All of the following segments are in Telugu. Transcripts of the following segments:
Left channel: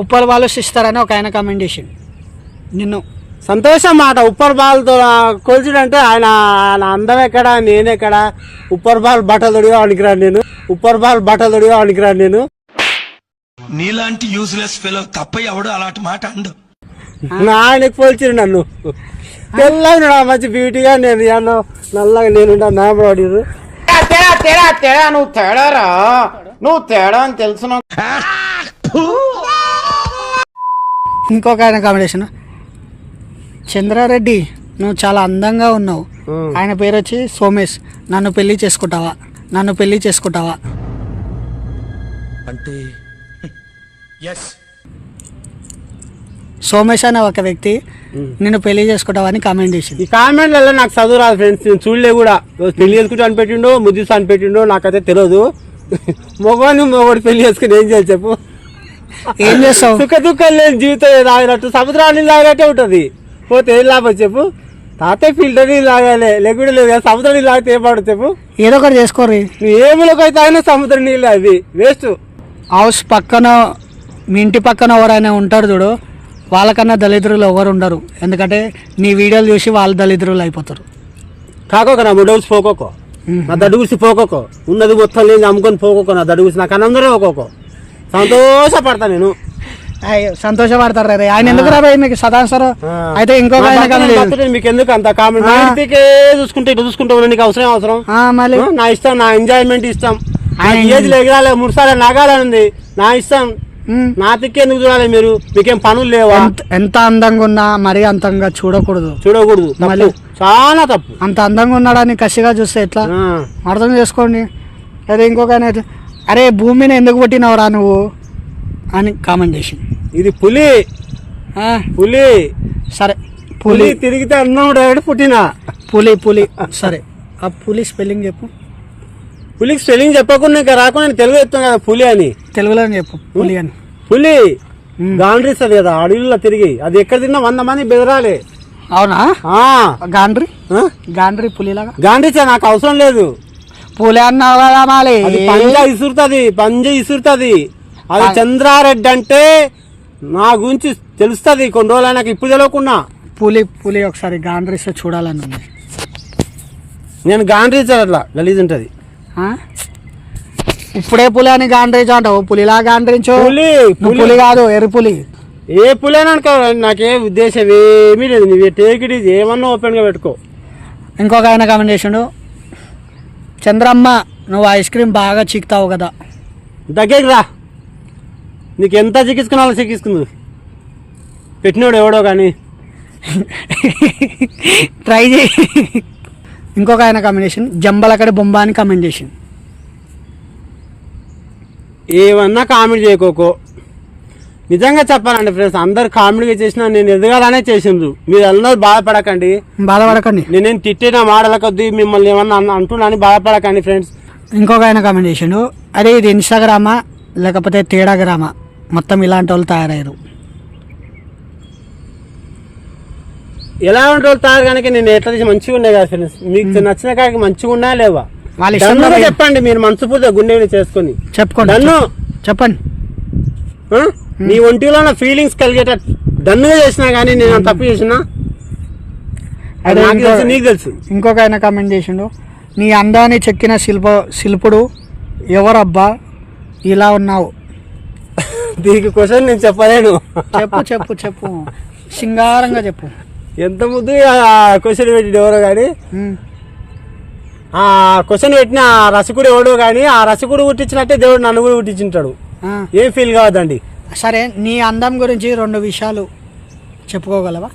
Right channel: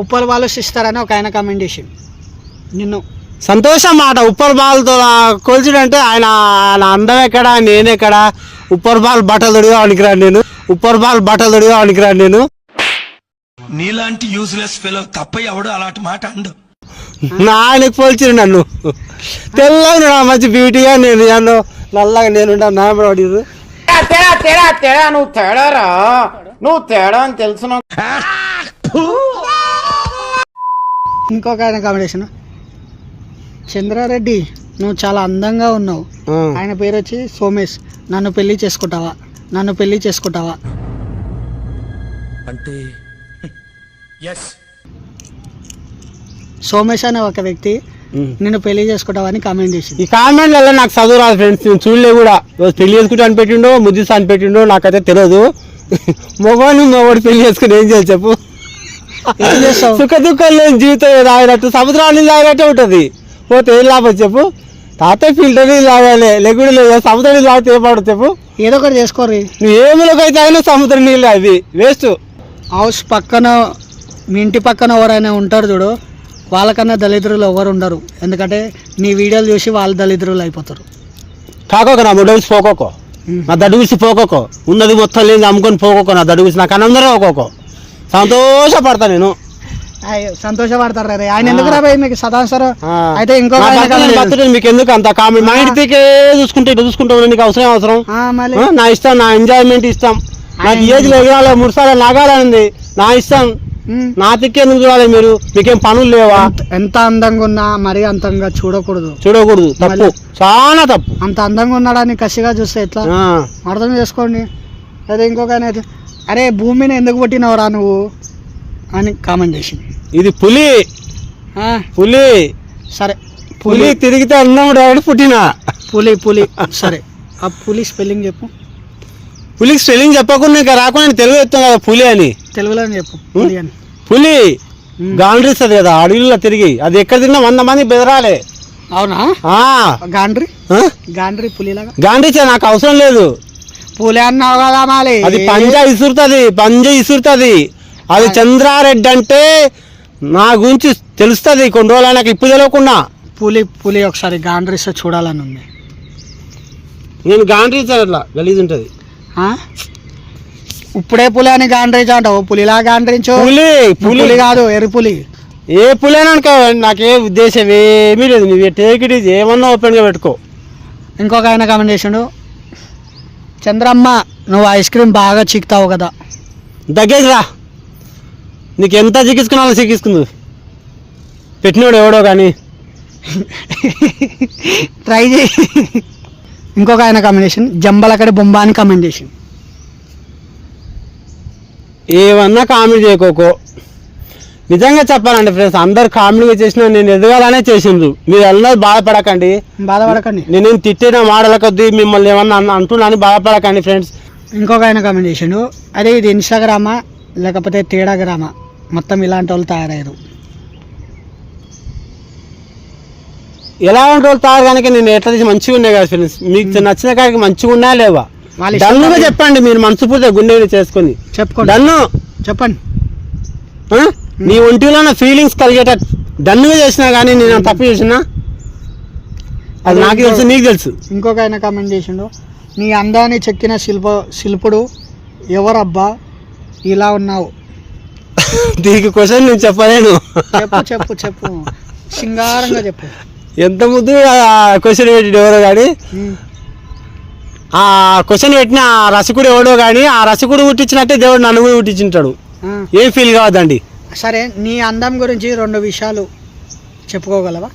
ఉప్పల్ వాళ్ళు ఇస్తారని ఒక ఆయన కామెంట్ నిన్ను. సంతోషం మాట ఉప్పర్ బాల్తో కొలిచిడంటే ఆయన ఆయన అందం ఎక్కడ నేనెక్కడ ఉప్పర్ బాల్ బట్టలు తొడిగా పనికిరాను నేను. ఉప్పర్ బాల్ బట్టలు తొడిగా పనికిరాను నేను. నీలాంటి యూజ్లెస్ ఫెలో తప్ప ఎవడు అలాంటి మాట అండు. నా ఆయనకు పోల్చిరు నన్ను. తెల్లగా నా మంచి బ్యూటీగా నేను ఏమన్నా నల్లగా నేను నా అడిగారు తేడా తేడా తేడా నువ్వు తేడారా నువ్వు తేడా అని తెలుసు. ఇంకొక ఆయన కామెంట్ చేసిన చంద్రారెడ్డి నువ్వు చాలా అందంగా ఉన్నావు. ఆయన పేరు వచ్చి సోమేష్. నన్ను పెళ్ళి చేసుకుంటావా? నన్ను పెళ్ళి చేసుకుంటావా? అంటే ఎస్ సోమేష్ అనే ఒక వ్యక్తి నిన్ను పెళ్ళి చేసుకుంటావా అని కామెంట్ చేసింది. ఈ కామెంట్లలో నాకు చదువు రాదు ఫ్రెండ్స్ నేను చూడలే కూడా. పెళ్ళి చేసుకుంటా అని పెట్టిండో ముద్దిస్తా అని పెట్టిండో నాకైతే తెలియదు మొగవాళ్ళు మొగోడు పెళ్ళి చేసుకుని ఏం చేయాలి చెప్పు. ఏం చేస్తావు? సుఖ దుఃఖాలు లేని జీవితం తాగినట్టు సముద్రాన్ని తాగినట్టే ఉంటుంది. పోతే ఏం లాభం చెప్పు? తాతయ్య ఫిల్టర్ నీళ్ళు తాగాలి లేకుండా లేదు సముద్రం నీళ్ళు తాగితే ఏం పడదు చెప్పు? ఏదో ఒకటి చేసుకోరు నువ్వు ఏమిలోకి అయితే తాగినా సముద్రం నీళ్ళు అవి వేస్ట్ హౌస్ పక్కన మీ ఇంటి పక్కన ఎవరైనా ఉంటారు చూడు వాళ్ళకన్నా దళిద్రులు ఎవరు ఉండరు. ఎందుకంటే నీ వీడియోలు చూసి వాళ్ళు దళిద్రులు అయిపోతారు. కాకోక నా మొడల్స్ పోకోకో. నా దడుగుసి పోకోకో. ఉన్నది మొత్తం లేదు అమ్ముకొని పోకోకో నా దడుగుసి నాకు అనందరే ఒక్కోకో సంతోషపడతా నేను. అయ్యో, సంతోషపడతారు రే ఆయన ఎందుకు మీకు సదాసరం. అయితే ఇంకొక ఆయన మీకు ఎందుకు అంత కామెంట్ మా ఇంటికే చూసుకుంటే ఇటు చూసుకుంటా ఉండే నీకు అవసరం అవసరం. మళ్ళీ. నా ఇష్టం నా ఎంజాయ్మెంట్ ఇష్టం. ఆయన- ఏజ్ ఎగరాలి మూడు సార్లు నాగాలని నా ఇష్టం. నా తిక్కే నువ్వు చూడాలి మీరు? మీకేం పనులు లేవా? ఎంత- అందంగా ఉన్నా మరీ అంతంగా చూడకూడదు. చూడకూడదు. మళ్ళీ- చాలా తప్పు. అంత అందంగా ఉన్నాడని కసిగా చూస్తే ఎట్లా. అర్థం చేసుకోండి. అదే ఇంకొక ఆయన అరే భూమిని ఎందుకు పుట్టినవరా నువ్వు? అని కామెంట్ చేసింది. ఇది పులి. పులి. సరే పులి పులి. తిరిగితే అన్నం డాడీ పుట్టిన. పులి పులి. సరే ఆ పులి స్పెల్లింగ్ చెప్పు. పులికి స్పెల్లింగ్ చెప్పకుండా ఇంకా రాకుండా తెలుగు చెప్తాను కదా పులి అని. తెలుగులో చెప్పు పులి అని. పులి. గాండ్రిస్తుంది కదా అడవిలో తిరిగి. అది ఎక్కడ తిన్నా వంద మంది బెదరాలే. అవునా? గాండ్రి? గాండ్రి పులిలాగా? గాండ్రిస్తే నాకు అవసరం లేదు. పులి అన్నావు కదా మాలి అది పంజ ఇసురుతుంది పంజ ఇసురుతుంది. అది చంద్రారెడ్డి అంటే నా గురించి తెలుస్తుంది కొన్ని రోజులు నాకు ఇప్పుడు తెలియకుండా పులి పులి ఒకసారి గాండ్రిస్తే చూడాలని ఉంది. నేను గాండ్రించా అట్లా గలీజ్ ఉంటుంది. ఆ? ఇప్పుడే పులి అని గాండ్రించు అంటావు పులిలా గాండ్రించు? పులి పులి. పులి కాదు ఎర్రి పులి. ఏ పులేనక నాకే ఉద్దేశం ఏమీ లేదు నువ్వు టేక్ ఇట్ ఈజ్ ఏమన్నా ఓపెన్గా పెట్టుకో. ఇంకొక ఆయన కామెంట్ చేసిండు చంద్రమ్మ నువ్వు ఐస్ క్రీమ్ బాగా చిక్తావు కదా. దగ్గరికి రా నీకు ఎంత చిక్కించుకున్నాలో చిక్కించుకుందు పెట్టినోడు ఎవడో కానీ ట్రై చేయి. ఇంకొక ఆయన కామెంట్ చేసింది జంబలకడ బొమ్మ అని కామెంట్ చేసింది ఏమన్నా కామెడీ చేయకోకో. నిజంగా చెప్పాలండి ఫ్రెండ్స్ అందరు కామెడీగా చేసినా నేను ఎదగాలనే చేసిండ్రు. మీరు అన్నది బాధపడకండి. బాధపడకండి. నేనేం తిట్టిన మాటల కొద్దీ మిమ్మల్ని ఏమన్నా అంటున్నాను బాధపడకండి ఫ్రెండ్స్ ఇంకొక ఆయన కామెంట్ చేసిండు. అదే ఇది ఇన్స్టాగ్రామా? లేకపోతే తేడాగ్రామా మొత్తం ఇలాంటి వాళ్ళు తయారయ్యారు. ఎలా ఉంటే వాళ్ళు తాగు కనుక నేను ఎట్లా చేసి మంచిగా ఉన్నాయి కదా ఫ్రెండ్స్ మీకు నచ్చిన కాడికి మంచిగా ఉన్నా లేవా? చెప్పండి మీరు మనసు పూర్తిగా గుండె చేసుకొని. చెప్పుకోండి. చెప్పండి? నీ ఒంటిలో నా ఫీలింగ్స్ కలిగేటట్టు డన్నుగా చేసినా కానీ నేను తప్పు చేసినా? అది నాకు తెలుసు నీకు తెలుసు. ఇంకొక ఆయన కామెంట్ చేసిండు. నీ అందాన్ని చెక్కిన శిల్ప శిల్పుడు ఎవరబ్బా? ఇలా ఉన్నావు. దీనికి క్వశ్చన్ నేను చెప్పలేను. చెప్పు చెప్పు చెప్పు. సింగారంగా చెప్పు. ఎంత ముద్దు క్వశ్చన్ పెట్టి ఎవరో కానీ. ఆ క్వశ్చన్ పెట్టిన రసకుడు ఎవడో కానీ ఆ రసకుడు పుట్టించినట్టే దేవుడు నన్ను కూడా పుట్టించుంటాడు. ఏం ఫీల్ కావద్దండి? సరే నీ అందం గురించి రెండు విషయాలు చెప్పుకోగలవా?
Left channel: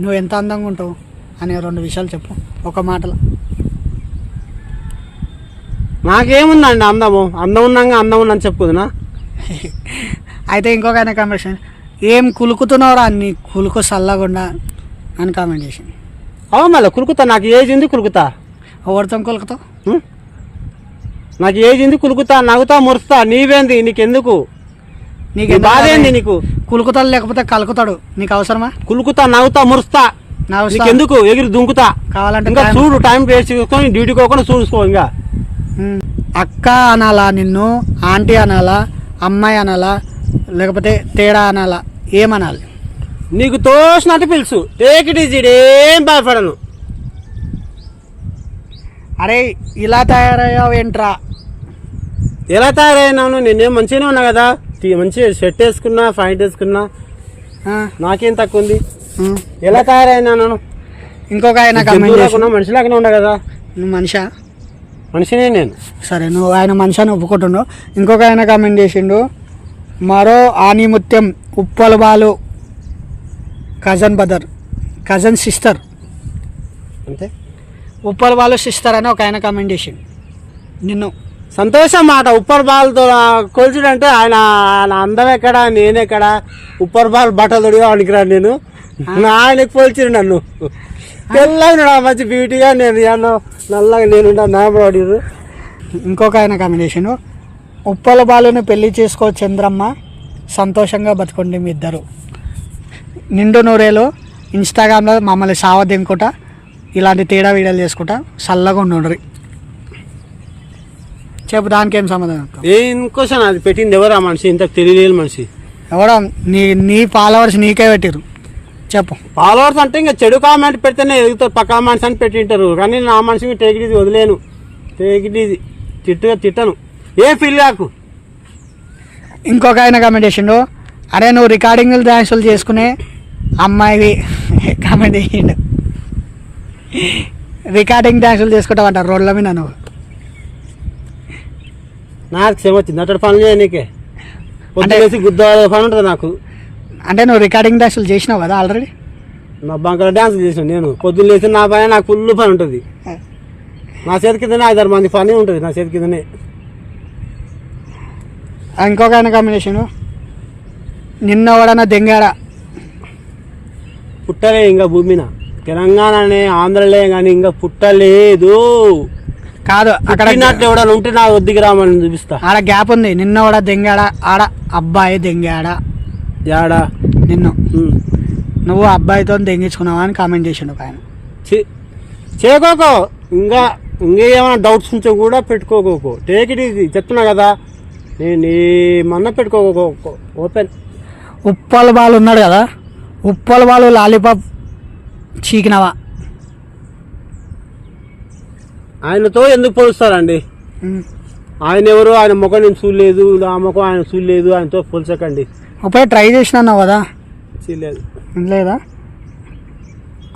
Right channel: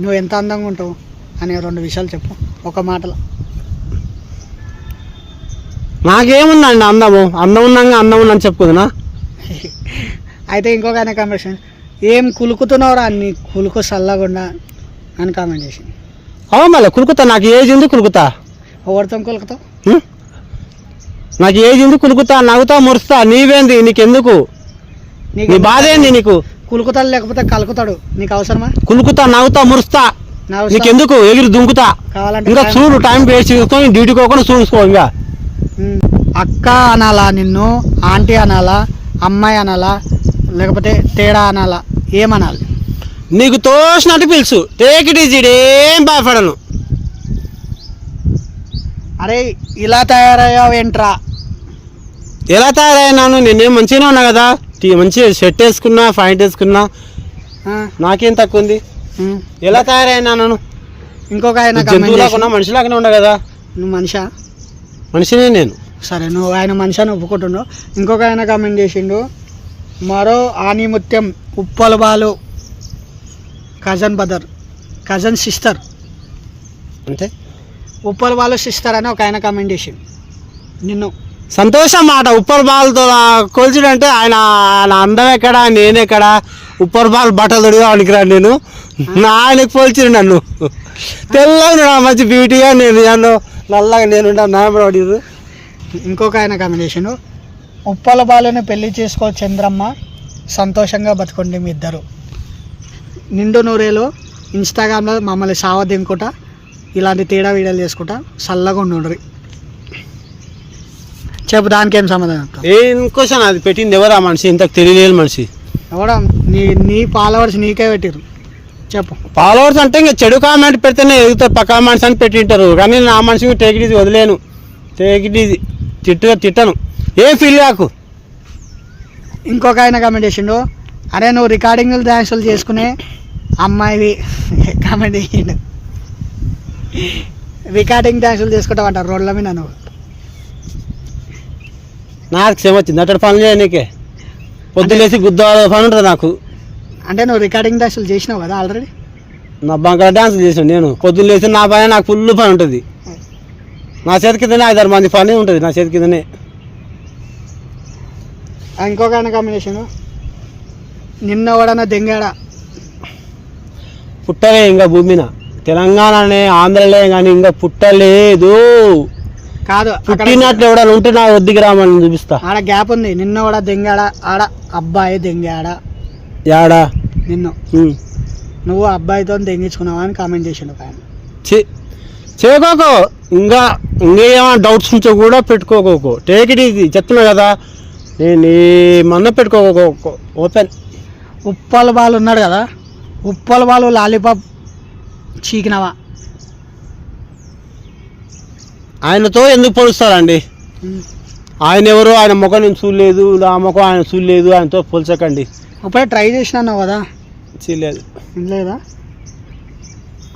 నువ్వు ఎంత అందంగా ఉంటావు అనే రెండు విషయాలు చెప్పు ఒక మాటలో. నాకేముందండి అందము? అందం ఉన్నాగా అందం ఉందని చెప్పుకుందా అయితే ఇంకొక ఆయన కామెంట్ ఏం కులుకుతున్నావురా నీ కులుకు చల్లగుండా అని కామెంట్ చేసింది అవు మళ్ళీ కులుకుతా? నాకు ఏజ్ ఉంది కులుకుతా. ఎవరితో కులుకుతావు? నాకు ఏజ్ ఉంది కులుకుతా నవ్వుతా మురుస్తా. నీవేంది? నీకెందుకు? నీకు బాధ ఏంది నీకు కులుకుతాడు లేకపోతే కలుకుతాడు? నీకు అవసరమా? కులుకుతా నవ్వుతా మురుస్తా. నీకెందుకు? ఎగిరి దుంకుతా. కావాలంటే ఇంకా చూడు టైం వేస్ట్ చేసుకొని డ్యూటీ కోకుండా చూసుకో ఇంకా. అక్క అనాలా నిన్ను ఆంటీ అనాలా అమ్మాయి అనాలా లేకపోతే తేడా అనాలా? ఏమనాలి? నీకు తోసినట్టు పిలుసు. టేక్ ఇట్ ఈజీ ఏం భయపడను. అరే ఇలా తయారయ్యావేంట్రా? ఎలా తయారైనాను నేనేం మంచిగానే ఉన్నా కదా? టీ- మంచిగా షర్ట్ వేసుకున్నా ప్యాంట్ వేసుకున్నా. నాకేం తక్కువ ఉంది. ఎలా తయారైనాను ఇంకొక ఆయన ఉన్నా మనిషిలాగానే ఉన్నా కదా. నువ్వు మనిషా? మనిషినే నేను. సరే నువ్వు ఆయన మనిషి అని ఒప్పుకుంటున్నావు. ఇంకొక ఆయన కామెంట్ చేసిండు. మరో ఆనిముత్యం Uppala Balu cousin brother cousin sister అంటే? ఉప్పల బాలు సిస్టర్ అని ఒక ఆయన కామెంట్ చేసిండు. నిన్ను. సంతోషం మాట. ఉప్పర్ బాల్తో కొలిచిడంటే ఆయన నా అందం ఎక్కడ నేనెక్కడ ఉప్పర్ బాల్ బట్టలు తొడిగా పనికిరాను నేను. నా ఆయనకు పోల్చిరు నన్ను. తెల్లగా మంచి బ్యూటీగా నేను ఏమన్నా నల్లగా నేను నార్మల్ అడిగారు ఇంకొక ఆయన కామెంట్ ఉప్పల బాలుని పెళ్ళి చేసుకో చంద్రమ్మ సంతోషంగా బతుకోండి మీ ఇద్దరు. నిండు నూరేలో ఇన్స్టాగ్రామ్లో మమ్మల్ని సావ దింకుట ఇలాంటి తేడా వీడియోలు చేసుకుంటా. చల్లగా ఉండుండ్రి. చెప్పు దానికి ఏం సమాధానం చెప్తావు? ఇంకోసారి అది పెట్టింది ఎవరు ఆ మనిషి? ఇంతకు తెలియలేని మనిషి. ఎవడా? నీ నీ ఫాలోవర్స్ నీకే పెట్టిరు చెప్పు. ఫాలోవర్స్ అంటే ఇంకా చెడు కామెంట్ పెడితేనే ఎదుగుతారు పక్కా మనిషి అని పెట్టింటారు. కానీ నా మనిషికి టేక్ ఈజీ వదిలేను. టేక్ ఇట్ ఈజీ తిట్టు తిట్టను. ఏం ఫీల్ కాకు ఇంకొక ఆయన కామెంట్ చేసిండు. అరే నువ్వు రికార్డింగ్ డ్యాన్సులు చేసుకునే అమ్మాయివి కామెంట్ చేసిండు. రికార్డింగ్ డ్యాన్సులు చేసుకుంటావంట రోడ్ల మీద నువ్వు. నాకు క్షమ వచ్చింది. అటు పనులు చేయనీకే పొద్దులేసి గుద్ద పని ఉంటుంది నాకు. అంటే నువ్వు రికార్డింగ్ డ్యాన్సులు చేసినావు కదా ఆల్రెడీ నా బంకర డ్యాన్స్ చేసాను నేను. పొద్దున్న నా పైన నాకు ఫుల్ పని ఉంటుంది. నా చేతి కిందనే ఐదారు మంది పని ఉంటుంది. నా చేతి కిందనే. ఇంకొక ఆయన చేసిండు నిన్న ఎవడన్నా దెంగాడా? పుట్టలే ఇంకా భూమిన. తెలంగాణనే ఆంధ్రలే కానీ ఇంకా పుట్టలేదు. కాదు అక్కడ పుట్టినట్లు ఎవడన్నా ఉంటే నా వద్దికి రామని చూపిస్తా. ఆడ గ్యాప్ ఉంది. నిన్న కూడా దెంగాడా ఆడ అబ్బాయి దెంగాడా. యాడా? నిన్ను. నువ్వు అబ్బాయితో దెంగించుకున్నావా అని కామెంట్ చేసిండు ఒక ఆయన. చేయకోకో ఇంకా ఇంకేమైనా డౌట్స్ ఉంటే కూడా పెట్టుకోకోకో. టేక్ ఇట్ ఈజీ చెప్తున్నా కదా. నేను ఏమన్నా పెట్టుకోకో ఓపెన్ ఉప్పల బాలు ఉన్నాడు కదా. ఉప్పల బాలు లాలీపాప్ చీకినవా? ఆయనతో ఎందుకు పోలుస్తారండి? ఆయన ఎవరు ఆయన ముఖం నేను చూడలేదు నా ముఖం ఆయన చూడలేదు ఆయనతో పోల్చకండి. ఇప్పుడు ట్రై చేసినావు కదా? చూడలేదు లేదా?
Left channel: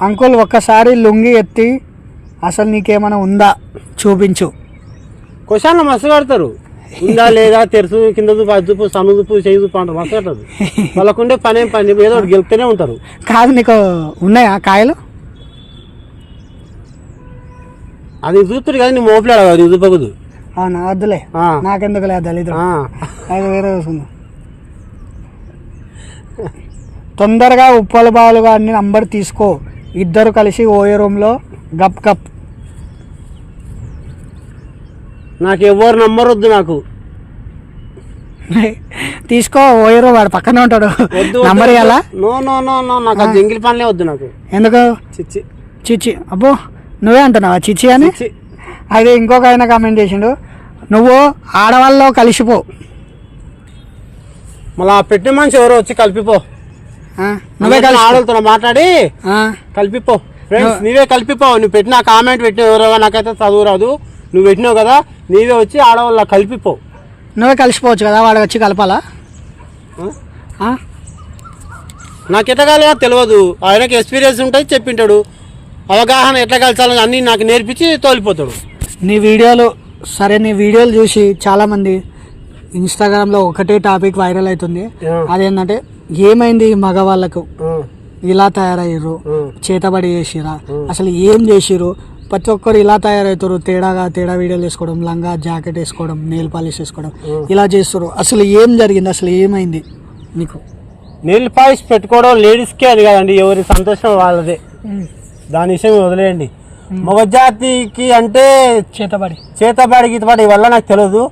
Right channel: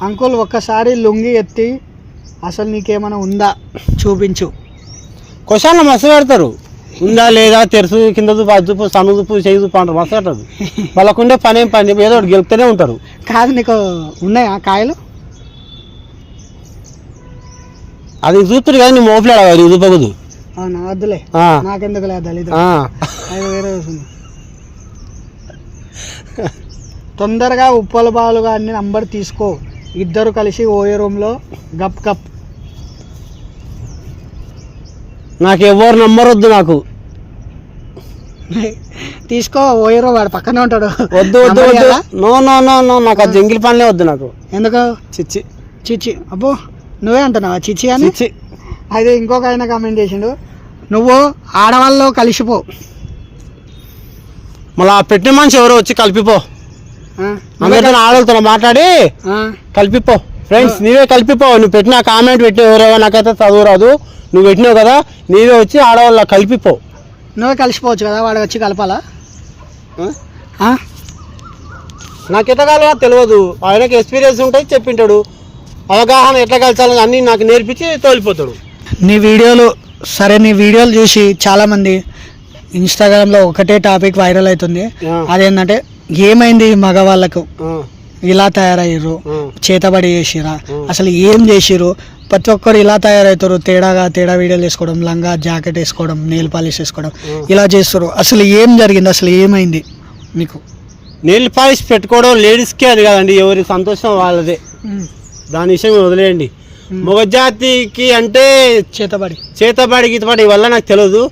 అంకుల్ ఒక్కసారి లుంగి ఎత్తి అసలు నీకేమైనా ఉందా? చూపించు. క్వశ్చన్లు మస్తు పెడతారు. ఉందా లేదా తెరుసు కింద చూపు సన్ను చూపు చేయి చూపు అంటారు మస్తు పెడతారు. వాళ్ళకుండే పని ఏం పని ఏదో గెలుపుతూనే ఉంటారు. కాదు నీకు ఉన్నాయా కాయలు? అది చూపుతారు కదా నువ్వు మోపలేడు? అది చూపకూడదు. అవునా? వద్దులే. నాకెందుకు లేదు దళిద్రం ఆ. అది వేరే వస్తుంది తొందరగా ఉప్పల బాలు గారిని నంబర్ తీసుకో. ఇద్దరు కలిసి ఓయే రూమ్లో గప్ గప్. నాకు ఎవరు నెంబర్ వద్దు నాకు. తీసుకో ఓయే వాడు పక్కనే ఉంటాడు. వద్దు నో నో నో నో నాకు ఆ. జంగిల్ పనులే వద్దు నాకు. ఎందుకు? చిచ్చి. చిచ్చి. అబ్బో. నువ్వే అంటున్నావా? చిచ్చి అని? అయితే ఇంకొక ఆయన కామెంట్ చేసిండు. నువ్వు ఆడవాళ్ళలో కలిసిపో. మళ్ళీ పెట్టిన మనిషి ఎవరో వచ్చి కలిపిపో. ఆ, నువ్వే అందరితో కలిసిపో. ఆడలతో మాట్లాడి కలిపిపో. ఫ్రెండ్స్ నీవే కలిపిపో. నువ్వు పెట్టిన కామెంట్ పెట్టిన ఎవరో నాకైతే చదువు రాదు. నువ్వు పెట్టినావు కదా నీవే వచ్చి ఆడవాళ్ళ కలిపిపో. నువ్వే కలిసిపోవచ్చు కదా వాడు వచ్చి కలపాలా? ఆ? ఆ? నాకు ఎట్లా కలవా తెలియదు. ఆయనకి ఎక్స్పీరియన్స్ ఉంటుంది చెప్పింటాడు. అవగాహన ఎట్లా కలిసాలని అన్నీ నాకు నేర్పించి తోలిపోతాడు. నీ వీడియోలు సరే నీ వీడియోలు చూసి చాలామంది ఇన్స్టాగ్రామ్లో ఒకటే టాపిక్ వైరల్ అవుతుంది. అదేంటంటే ఏమైంది మగవాళ్ళకు? ఇలా తయారయ్యారు. చేతబడి చేసిరా అసలు ఏం చేసిరు ప్రతి ఒక్కరు ఇలా తయారవుతారు తేడాగా తేడా వీడియోలు వేసుకోవడం లంగా జాకెట్ వేసుకోవడం నెయిల్ పాలిష్ వేసుకోవడం ఇలా చేస్తారు అసలు ఏం జరిగింది? అసలు ఏమైంది మీకు నెయిల్ పాలిష్ పెట్టుకోవడం లేడీస్కే అది కదండి ఎవరి సంతోషం వాళ్ళదే. దాని విషయం వదిలేయండి. మగజాతికి అంటే చేతబడి. చేతబడి గీతబడి వల్ల నాకు తెలియదు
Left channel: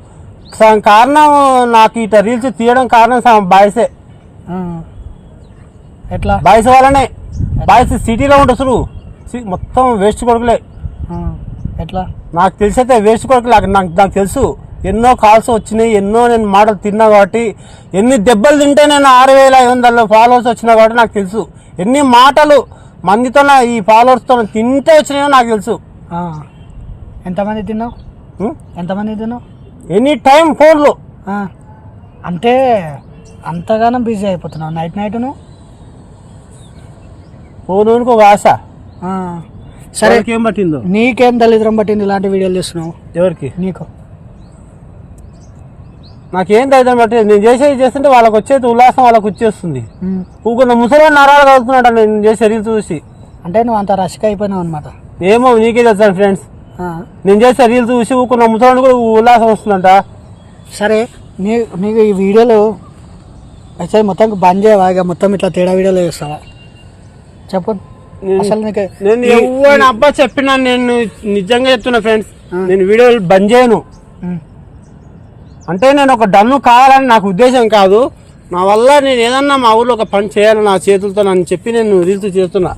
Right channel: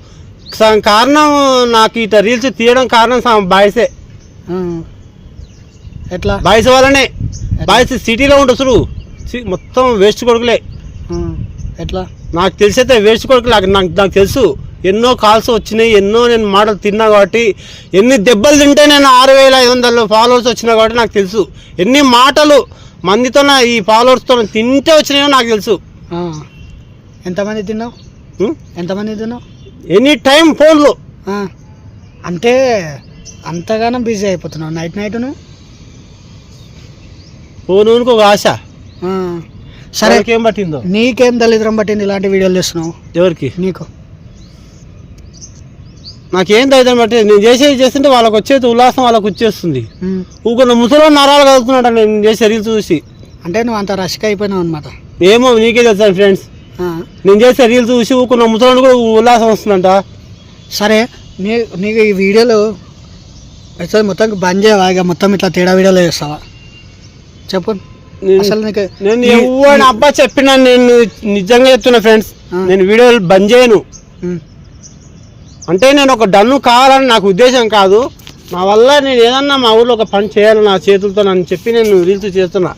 కారణం నాకు ఇట రీల్స్ తీయడం కారణం బాయ్సే. ఎట్లా? బాయ్స్ వల్లనే. బాయ్స్ సిటీలో చూడు. సి- మొత్తం వేస్ట్ కొడుకులే. ఎట్లా? నాకు తెలిసైతే వేస్ట్ కొడుకులు నాకు నాకు నాకు తెలుసు. ఎన్నో కాల్స్ వచ్చినాయి ఎన్నో నేను మాటలు తిన్నా కాబట్టి ఎన్ని దెబ్బలు తింటే నేను ఆరు వేల ఐదు వందల ఫాలోవర్స్ వచ్చినా కాబట్టి నాకు తెలుసు. ఎన్ని మాటలు మందితో ఈ ఫాలోవర్స్తో తింటే వచ్చినాయో నాకు తెలుసు. ఎంతమంది తిన్నావు? ఎంతమంది తిన్నావు? ఎనీ టైం ఫోన్లో. అంటే అంతగానో బిజీ అయిపోతున్నావు. నైట్ నైట్ ఫోన్కి ఒక ఆశ. సరే సరే. ఏం పట్టిందో? నీకేం దళిద్రం పట్టింది ఇలాంటి వీడియోలు చేస్తున్నావు? ఎవరికి? నీకు. నాకేం ధైర్యం బట్టి నేను చేసేది చేస్తుంటే వాళ్ళకి వచ్చేది ఉల్లాసం వాళ్ళకి వచ్చేస్తుంది. ఊకున్న ముసలి నరాలు కలుగుతున్నాడు నేను చేసే రీల్స్ చూసి. అంటే నువ్వు అంత రష్గా అయిపోయినావు అనమాట ఏమో నీకే తెలుసాను ఫ్రెండ్స్ నేను చేసే రీల్స్ చూసి ఊకున్న ముసలి కూడా ఉల్లాసం వస్తుందంట. సరే నీ నీకు ఈ వీడియోలు అసలు మొత్తం బంద్ చేయవా? ఇక మొత్తం ఇట్లా తేడా వీడియోలు చేస్తావా? చెప్పు. అసలు నీకు నేను ఎవరిని అబ్బా చెప్పినా నేను నిజంగా చెప్తున్నా ఫ్రెండ్స్. నేను వీడియోలు బంద్ చేయను. అంటే నేను ఒక డన్ను కావాలని నాకు ఉద్దేశం కాదు. నా వల్ల నేను ఏదన్నా మా ఊర్లో ఒక పని చేయాలి నా చేతులతో నన్ను చెప్పి నేను రీల్స్ చేస్తున్నా.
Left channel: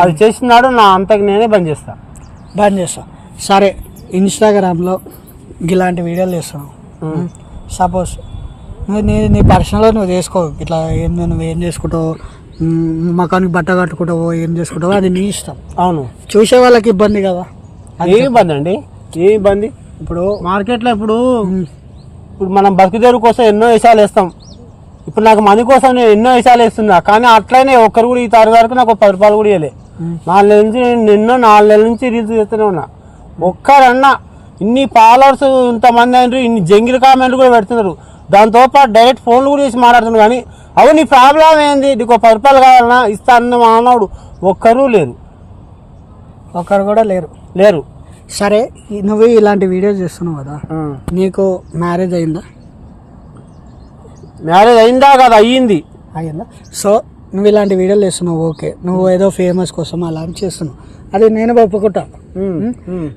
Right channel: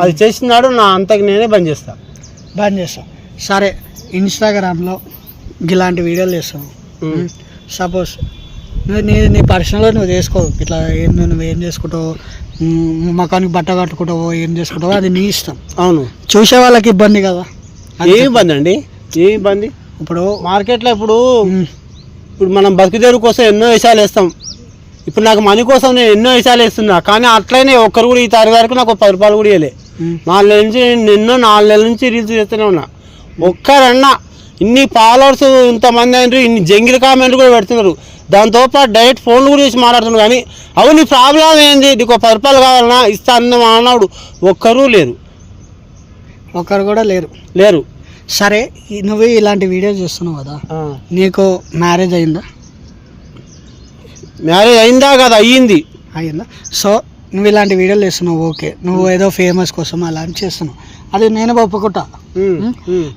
అది చేసినాడు నా అంతకు నేనే బంద్ చేస్తా. బంద్ చేస్తా. సరే ఇన్స్టాగ్రామ్లో ఇలాంటి వీడియోలు చేస్తావు ఉమ్. సపోజ్ నువ్వు నీ నీ పర్సనల్గా నువ్వు చేసుకో. ఇట్లా ఏం నువ్వు ఏం చేసుకుంటావు ఉమ్, ముఖానికి బట్ట కట్టుకుంటావో ఏం చేసుకుంటావో అది నీ ఇష్టం. అవును. చూసే వాళ్ళకి ఇబ్బంది కదా? అది ఏ ఇబ్బంది అండి? ఏ ఇబ్బంది? ఇప్పుడు మార్కెట్లో ఇప్పుడు ఇప్పుడు మనం బతుకుదేరు కోసం ఎన్నో విషయాలు వేస్తాం. ఇప్పుడు నాకు మనీ కోసం నేను ఎన్నో విషయాలు వేస్తున్నా. కానీ అట్లనే ఒక్కరు కూడా ఈ తారీఖు వరకు నాకు పది రూపాయలు కూడా ఇవ్వలే ఉమ్, నాలుగు నెలల నుంచి నేను ఎన్నో నాలుగు నెలల నుంచి రీల్స్ చేస్తూనే ఉన్నా. ఒక్కరన్నా ఇన్ని ఫాలోవర్స్ ఇంతమంది అయినారు ఇన్ని జంగిల్ కామెంట్లు కూడా పెడుతున్నారు. దాంతో పాటు డైరెక్ట్ ఫోన్లు కూడా చేసి మాట్లాడుతున్నారు. కానీ అవు నీ ప్రాబ్లం ఏంది? నీకు పది రూపాయలు కావాలన్నా ఇస్తా అన్న అన్నాడు ఒక్కరూ లేరు. ఒకరు కూడా లేరు. లేరు. సరే నువ్వు ఇలాంటి వీడియోస్ చేస్తున్నావు కదా నీకు మ్యారేజ్ అయిందా? మ్యారేజ్ అయిందా కదా? అయ్యింది. అయిందా సో నువ్వు ఇలాంటి వీడియోలు చేస్తున్నావు ఓకే. నువ్వు ఏదో ఫేమస్ కోసం అలాంటి చేస్తున్నావు. అది నేను ఒప్పుకుంటా.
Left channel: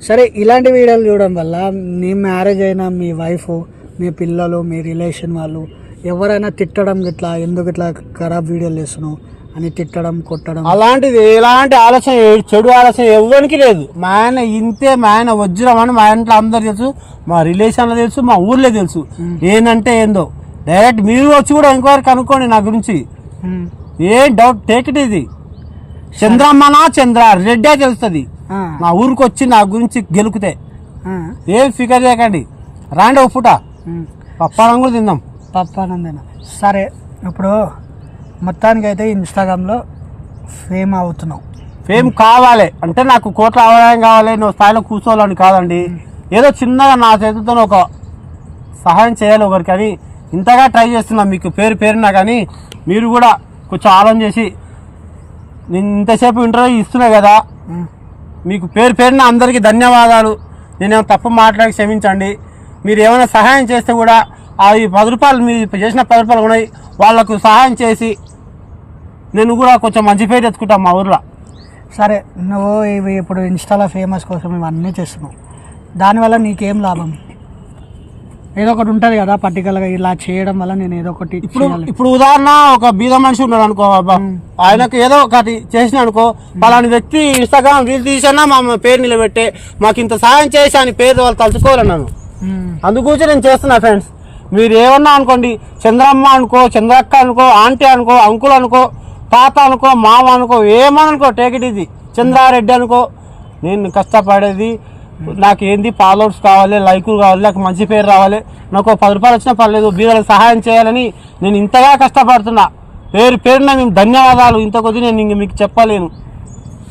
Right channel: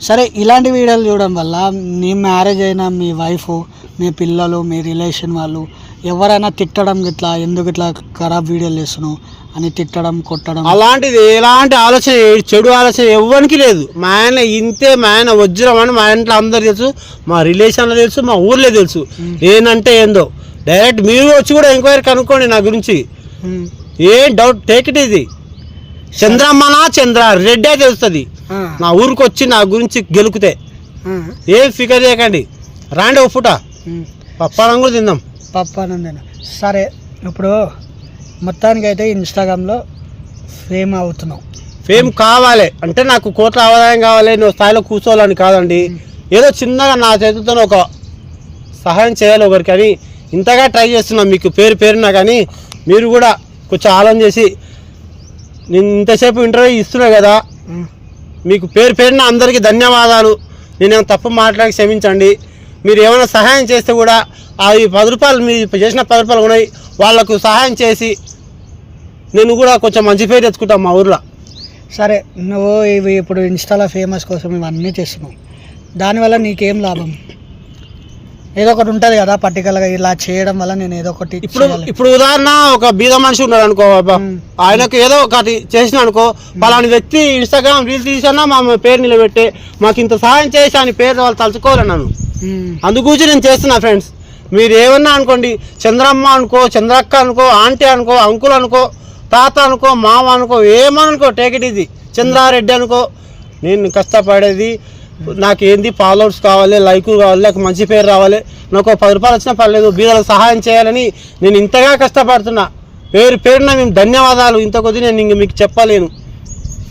సరే ఇలాంటి వీడియోలు చూడడం వల్ల నీ మ్యారేజ్ అయిన మీ వైఫ్ మీ పిల్లలు మీ రిలేషన్ వాళ్ళు ఎవరైనా తిట్టడం ఇట్లా ఎందుకు ఇట్లా ఖరాబ్ వీడియోలు చేస్తున్నావు అని తిట్టడం కొట్టడం? అలాంటిది ఎలాంటి ఆలోచన చెడు ఆలోచన ఎవ్వరికి లేదు. మా ఆయన ఇంతే మా ఆయన వజ్రం అని మా ఇంట్లో అందరు తెలుసు మా రిలేషన్లో తెలుసు మా ఊర్లో తెలుసు. నేనంటే ఏందో? డైరెక్ట్ మీరు వచ్చి కూడా ఎంక్వైరీ కనుక్కోండి నా గురించి. ఏ డౌట్ టేక్ ఇట్ ఇది చంద్రమ్మనా చంద్ర రెడ్డే తెలుస్తుంది. నా ఊరికి వచ్చి నా గురించి గెలుకుతే. ఏం ఫికర్ చేయకండి. రాండి ఒక పూట. ఉమ్. పప్పాలం కూడా తిందాం. పప్పానందేన సరే ఇప్పుడు మొత్తానికి అయితే ఇన్స్టాగ్రామ్లో ఫేమ్ అవుతున్నావు ఫేమ్ కావాలి. అంటే నాకు కోట్ల ఆదాయం కావాలి నువ్వు స్థాయిలో కూర్చోవాలని కాదండి. ఏదో చిన్నగా నా చేతులతో ఒక సహాయం చేయాలి ఒకరికి అని ఇంతగా ట్రై చేస్తున్నా. మీకు పేరు పేరునా కానీ మీరు కూడా కొంచెం ఆలోచన చేసి నేను ఇంతసేపు ఇంటర్వ్యూ ఇస్తున్నా కదా. మీకు పేరు పేరున అందరికీ ధన్యవాదాలు. నేను తప్పు మాట్లాడి క్షమించండి. మీరు ఏమైనా సహాయం చేస్తే కూడా ఆ ఈ పది రూపాయలు మీరు చేసిన పది రూపాయలు ఉన్నాయి. వాళ్ళకు సహాయం చేసి నేను కూడా కొంచెం మంచి పేరు తెచ్చుకుంటాను మా ఊర్లో. సరే నువ్వు ఇవి ఇప్పుడు ఇన్స్టాలో ఫేమస్ కోసం ఇవన్నీ చేస్తున్నావు. దానివల్ల నీకేం లాభం? ఏదో ఒకటి ఉంటుంది కదా పర్టికులర్గా ఇలా చేయడం వల్ల నేను ఏదో ఒకటి ఇప్పుడు. ఇప్పుడు ఉదాహరణ ఒక బీద మనిషి ఉన్నాడు అనుకో. ఆయనకు ఏదో ఒకటి చేసిన అనుకో పలాని వ్యక్తి ఇన్స్టాగ్రామ్ రీల్ తీసినా మా పేరు నిలబెట్టే మాకు ఇంత సహాయం చేసి అని పేరు వాళ్ళు తలుచుకోవాలి నన్ను. ఉమ్, అందుగురించి నేను చేస్తున్నా ఫ్రెండ్స్ మీరు ఏమన్నా అనుకోండి చంద్రమ్మ అనుకో చంద్రక్క అనుకో ఆంటీ అనుకో అంకుల్ అనుకో తాత అనుకో మామ అనుకో ఏమనుకో టేక్ ఇట్ ఇది చంద్రారెడ్డి అనుకో నేను కష్టపడేది నాకు ఏంది ఫాలోవర్స్ కావాలి లైకులు కావాలి నాకు మంచి పేరు రావాలి నాకు ఒక పది రూపాయలు వచ్చినా పర్లేదు బీదలకు సహాయం చేయాలని నేను ఇంతగా కష్టపడుతున్నా. పేరు పేరున మేము ధన్యవాదాలు. ఇంత కొద్ది నేను ఇంక మీకు చెప్పలేను.